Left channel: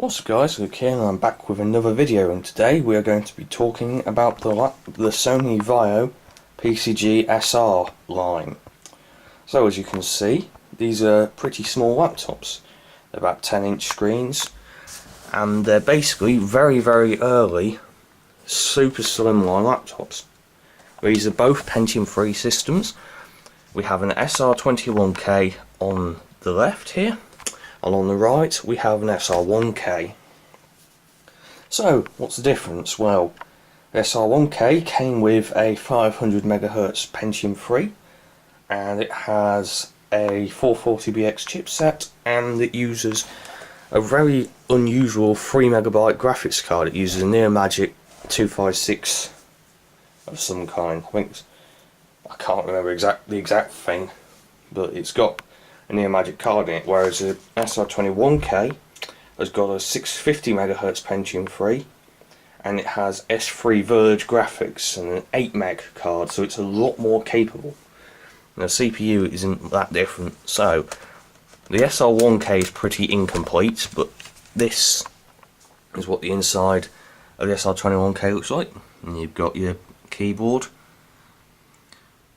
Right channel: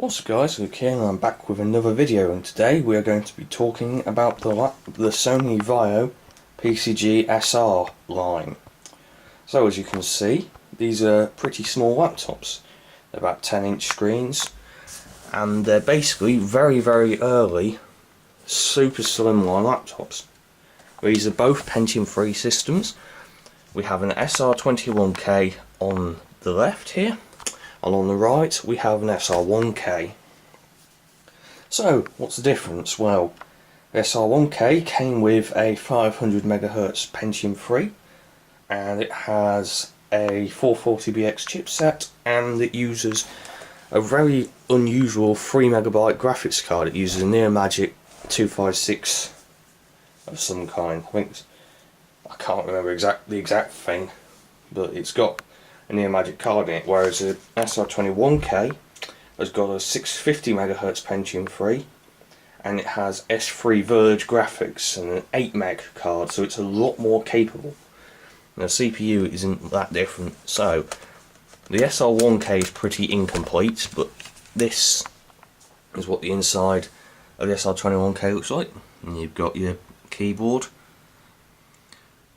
What's up guys, Luke here and I'm back with another video, and today we are going to be talking about the Sony Vaio PCG-SR line. So as you can see, these are pretty small laptops. They're about 10-inch screens and they're basically very early super slimline laptops. These are both Pentium III systems. We have an SR21K on the left here, and on the right we have an SR1K. So what's the difference? Well, the SR1K came with a 500 MHz Pentium III, and it has a 440BX chipset, and it uses a very unusual 3MB graphics card. It uses a Neomagic 256 of some kind. I can't remember the exact thing, but it's got a Neomagic card in it, whereas the SR21K has got a 650 MHz Pentium III, and it has S3 Verge graphics and an 8 meg card, so it's a lot more capable. Now, the CPU isn't that different, so the SR1K is pretty incomplete, but this is what the inside of the SR21K looks like. And you've got your keyboard,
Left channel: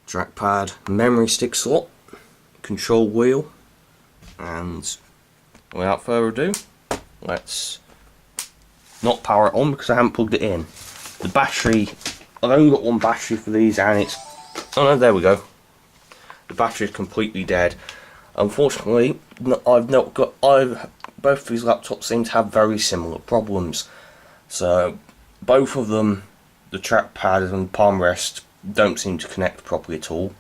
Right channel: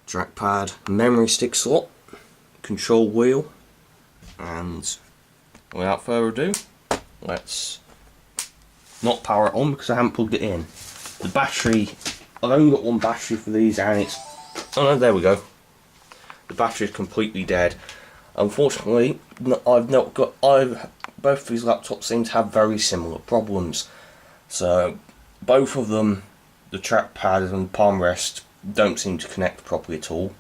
trackpad, memory stick slot, control wheel, and without further ado, let's not power it on because I haven't plugged it in. The battery, I've only got one battery for these, and it's, oh no, there we go. The battery is completely dead. Unfortunately, both of these laptops seem to have very similar problems. So both of them, the trackpad and palm rest, don't seem to connect properly at all.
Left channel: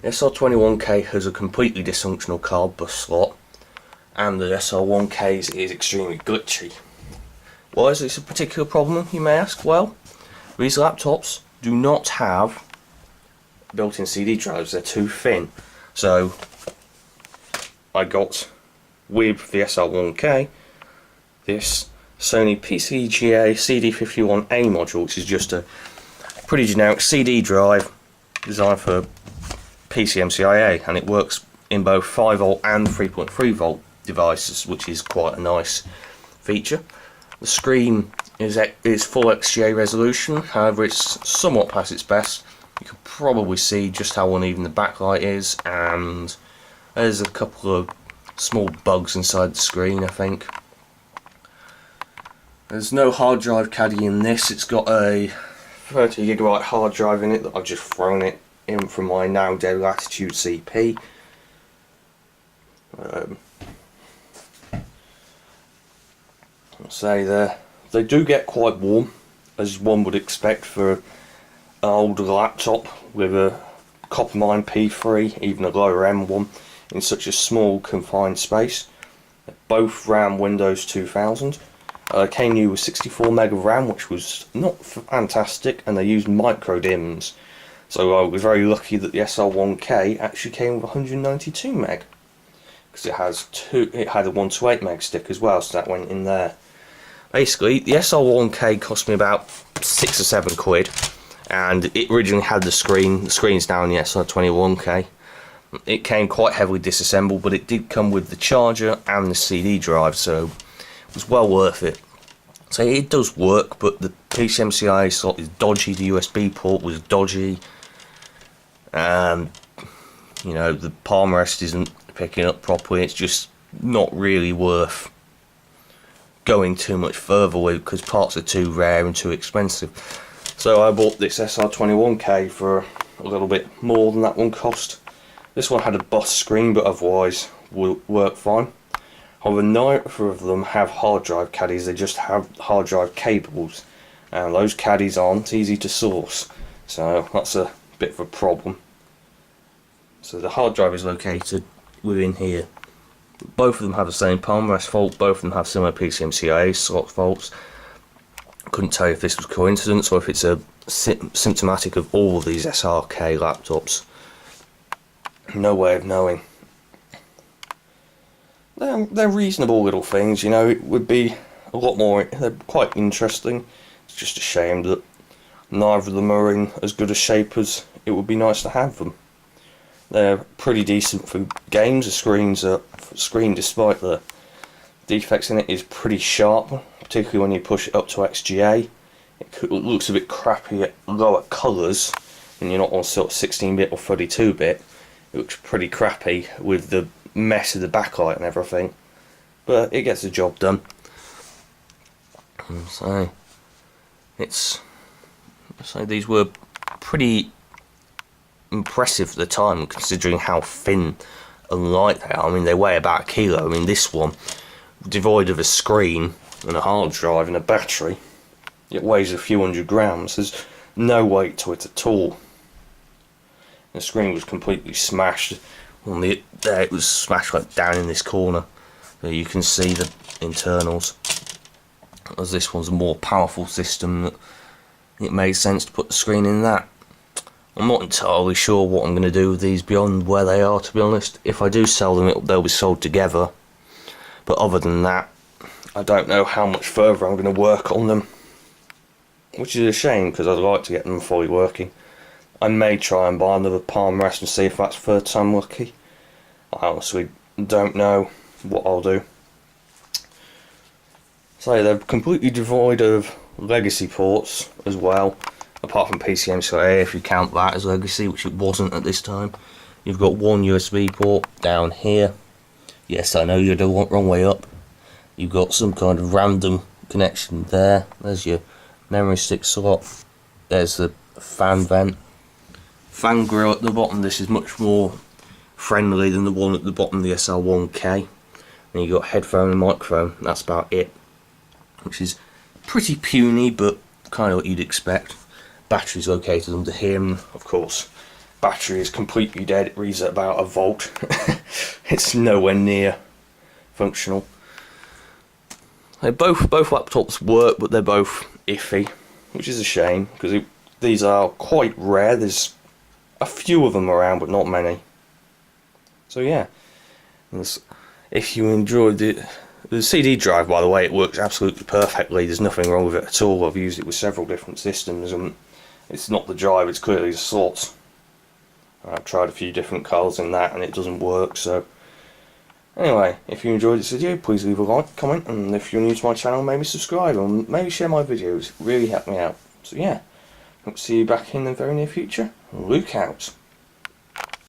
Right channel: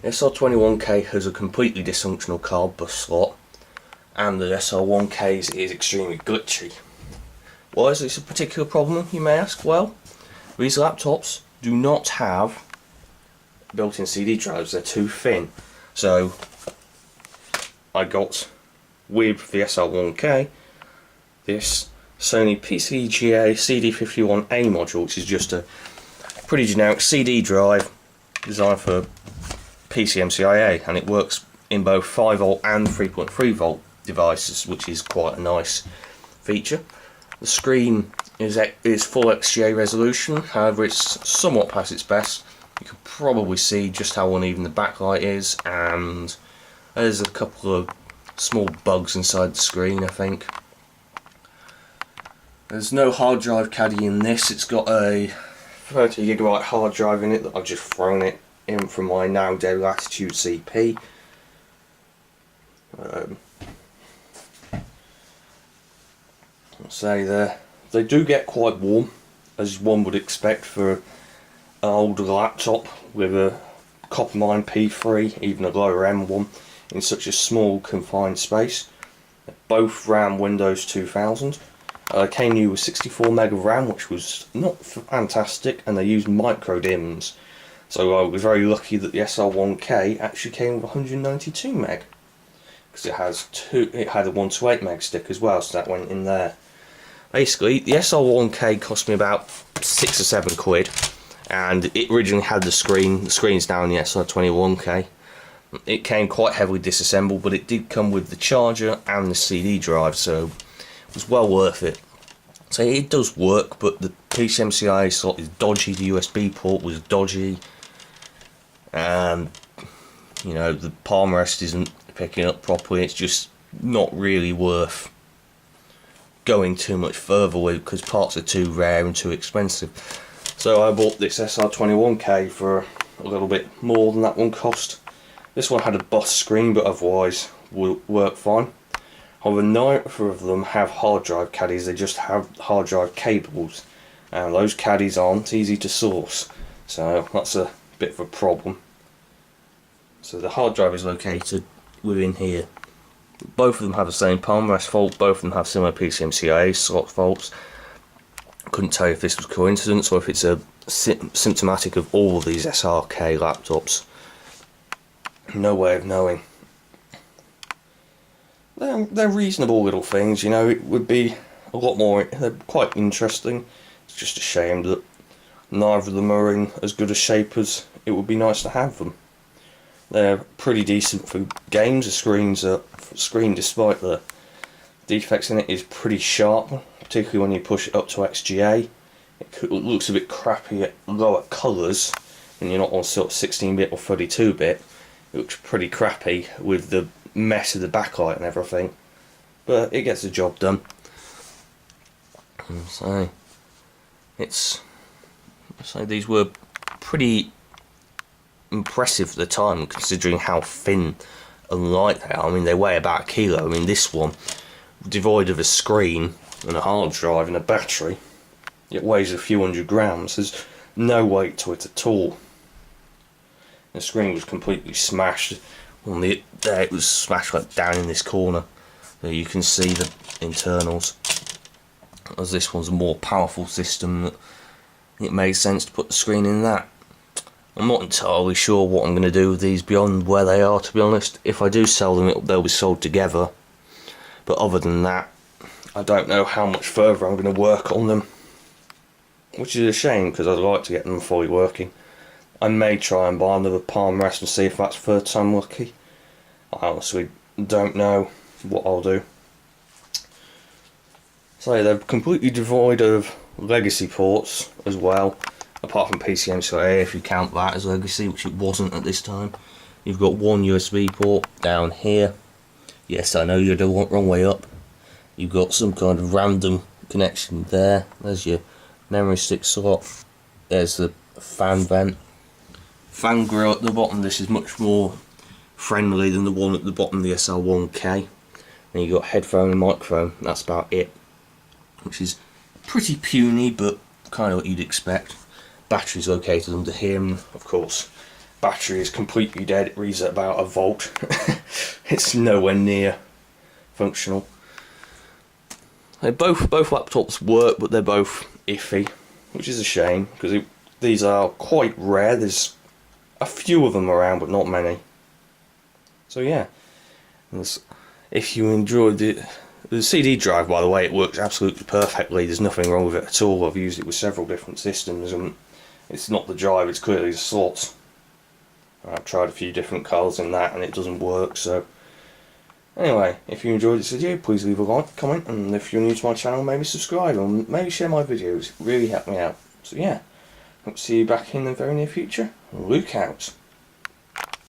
The SR21K has a completely dysfunctional card bus slot, and the SR1K's is extremely glitchy. Why is this a particular problem, you may ask? Well, these laptops do not have built-in CD drives. They're too thin. So I got, with the SR1K, this Sony PCG-A CD51A module, which is just a pretty generic CD drive designed for PCMCIA, and it works in both 5V and 3.3V devices, which is quite a nice feature. The screen is full XGA resolution, however it's somewhat past its best. You can probably see just how uneven the backlight is, and there's a couple of small bugs inside the screen, I think. There's no hard drive caddy in this. It's got a 30GB hard drive in it that I've just thrown it in from my now dead Latitude CP. I'll say they do get quite warm, as one would expect for an older laptop with a Coppermine P3, even a lower end one, in such a small confined space. Both ran Windows 2000. Came new with 64 meg of RAM, which was not fantastic, and they used micro DIMMs. So I was very lucky that the SR1K actually came with 192 meg, because it had a 128 meg stick as well, so that went in there. Basically, the SR1K cost me about £6 or £7, and it originally had the screen's down the SR21K. It came quite heavily disassembled, but it did come with the charger and the CD drive, so it was well worth it. So it does work, but the PCMCIA slot is dodgy, the USB port was dodgy, and you know, the palm rest isn't picking up properly. It's just not really worth going too much further with, because parts are too rare and too expensive. So I bought this SR21K for a little bit more than that one cost. This one had a bus screen, but otherwise would work fine. However, neither of them have hard drive caddies, they just have hard drive cables, and those caddies aren't easy to source, so that's a bit of a problem. So the hard drive is located within here. Both of them have the same palm rest fault, both of them have similar PCMCIA slot faults. I couldn't tell you if this was coincidence or if it's a symptomatic of all of these SRK laptops. No way of knowing. They're reasonable little things, you know. It would be a lot more, they're quite interesting. It's just a shame that neither of them are in as good a shape as it would be nice to have them. They're pretty decent for games. The screen, despite the defects in it is pretty sharp, particularly when you push it up to XGA. It looks a bit crappy at lower colours, and you're not on sort of 16-bit or 32-bit. It looks pretty crappy with the mess of the backlight and everything, but it gets the job done. So these were pretty impressive at the time, considering how thin and light they are. I mean, they weigh about 1 kilo. I mean, this one, devoid of a screen and a hard drive and a battery, it weighs a few hundred grams. There's no weight to it at all. The screen was completely smashed. There it was smashed like down in this corner. There you can see the internals. As this one's a more powerful system, it made sense to put the screen in that. I'm not entirely sure what I'm going to do with these beyond where they are, to be honest. If I do sell them, they'll be sold together. But other than that, I don't know how much further I'm going to work on them. Which is a shame, because I'd like to get them fully working. I may try and buy another palm rest and see if that's third time lucky. I honestly don't know what I'll do. So they're completely devoid of legacy ports as well, apart from PCM-A, if you count that as legacy, which it wasn't at this time. You've got one USB port down here. Yes, I know you're the wrong way up. You've got some kind of random connection there. There's your memory stick slot. There's the fan vent. Fan grill at the bottom. This is much more friendly than the one at the bottom of the SR1K. Then you've got headphone and microphone. That's about it. Which is pretty puny, but kind of what you'd expect. Battery's located under here, and of course, battery is completely dead. It reads at about 1 volt. It's nowhere near functional. Both laptops work, but they're both iffy, which is a shame, because these are quite rare. There's a few of them around, but not many. So yeah, if you enjoyed it, the CD drive, by the way, it works absolutely perfectly. There's nothing wrong with it at all. I've used it with several different systems, and it's not the drive, it's clearly the slots. I've tried a few different colours in that, and it doesn't work. So anyway, if you enjoyed this video, please leave a like, comment, and if you're new to my channel, maybe subscribe, and maybe share my videos. It really helped me out. So yeah, hope to see you back in the very near future. Look out.